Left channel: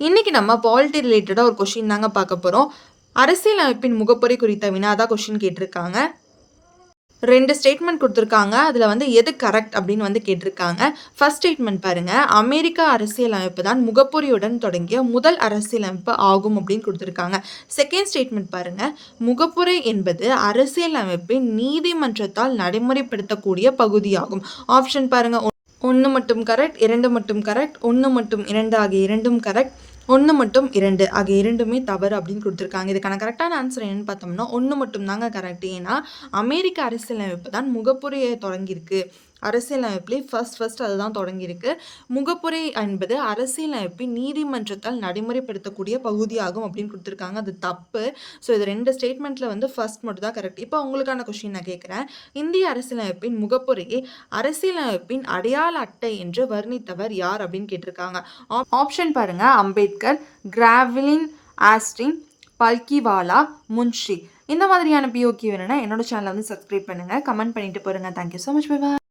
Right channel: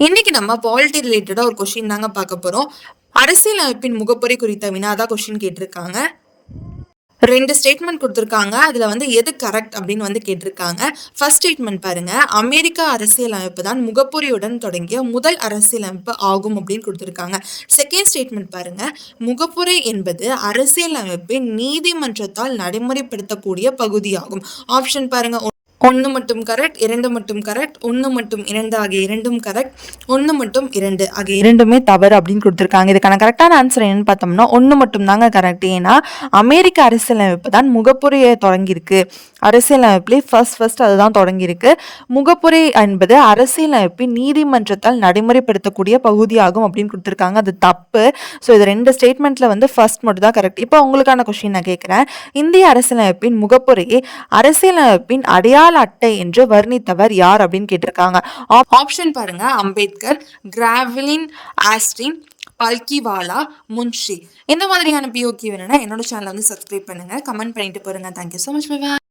இன்னைக்கு நம்ம பாலிட்டி ரிலேட்டடா ஒரு கொஸ்டின் தாங்க பார்க்க போறோம். அரசியல் அமைப்பின் முகப்புரை குறித்த வினாதான் கொஸ்டின் கேட்டிருக்காங்க. 2 ஸ்டேட்மெண்ட் குடுத்துருக்காங்க. அதுல எது கரெக்ட் அப்படின்னு கேட்டிருக்காங்க. ஃபர்ஸ்ட் ஸ்டேட்மெண்ட் பாருங்க. அமெரிக்க அரசியல் அமைப்பு தான் முகப்புரையுடன் தொடங்கிய முதல் அரசியல் அமைப்பு ஆகும் அப்படின்னு குடுத்துருக்காங்க. செகண்ட் ஸ்டேட்மெண்ட் பாருங்க. முகப்புரை என்பது அரசியல் அமைப்பின் நீதிமன்றத்தால் நடைமுறைப்படுத்தக்கூடிய பகுதியாகும். ஆப்ஷன் பாருங்க. 1 மட்டும் கரெக்ட், 2 மட்டும் கரெக்ட், 1 மற்றும் 2 ஆகிய இரண்டும் கரெக்ட், 1 மற்றும் 2 ஆகிய இரண்டுமே தவறு அப்படின்னு கொடுத்துருக்காங்க. இதுக்கான கரெக்டான ஆன்சர் என்னன்னு பார்த்தோம்னா 1 மட்டும் தாங்க கரெக்ட். ஏன்னா அமெரிக்க அரசியலமைப்பு தான் முகப்புரையை தொடங்கியிருக்கு. அரசியலமைப்புலேயே ஃபர்ஸ்ட் அதுதான் தொடங்கியிருக்கு. முகப்புரை என்பது அரசியலமைப்பின் நீதிமன்றத்தால் நடைமுறைப்படுத்தக்கூடிய பகுதியாகும் அப்படின்னு கொடுத்துருக்காங்க. அது தப்பு. ஸோ இது 2 ஸ்டேட்மெண்ட்டில் ஃபர்ஸ்ட் மட்டும் தான் கரெக்ட். இப்போ உங்களுக்கான கொஸ்டின் நான் கேட்குறேன். இந்திய அரசியலமைப்பின் முகப்புரையை அரசியலமைப்பின் அடையாள அட்டை என்று வர்ணித்தவர் யார் அப்படின்னு கேட்டிருக்காங்க. ஆப்ஷன் பாருங்க. அம்பேத்கர், கிராவலின் ஆஸ்டின், பல்கிவாலா, முன்ஷி. இந்த மாதிரியான பிஓகே வேணும்னா என்னோட சேனலை சப்ஸ்கிரைப் பண்ணுங்க, கமெண்ட் பண்ணிட்டு போருங்க. Thank you so much. பை.